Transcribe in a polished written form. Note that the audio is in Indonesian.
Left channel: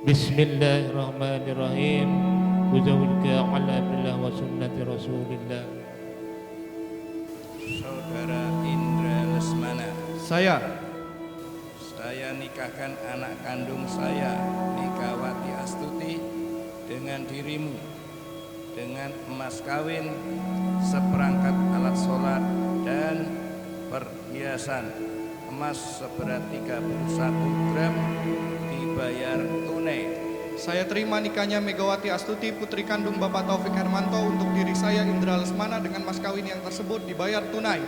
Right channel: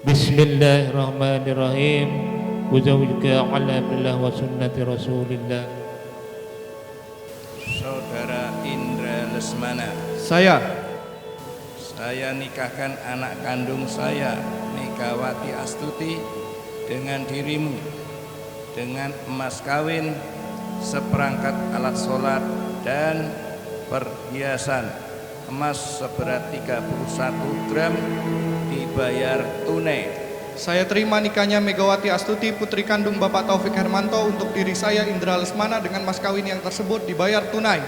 Bismillahirrahmanirrahim. Uzawwijuka ala billah wa sunnati rasulillah. Saudara Indra Lesmana, Saya nikahkan anak kandung saya, Megawati Astuti, dengan dirimu, dengan emas kawin, seperangkat alat sholat, dan perhiasan emas seberat 31 gram dibayar tunai. Saya terima nikahnya Megawati Astuti, putri kandung Bapak Taufik Hermanto, untuk diri saya Indra Lesmana dengan mas kawin yang tersebut dibayar tunai.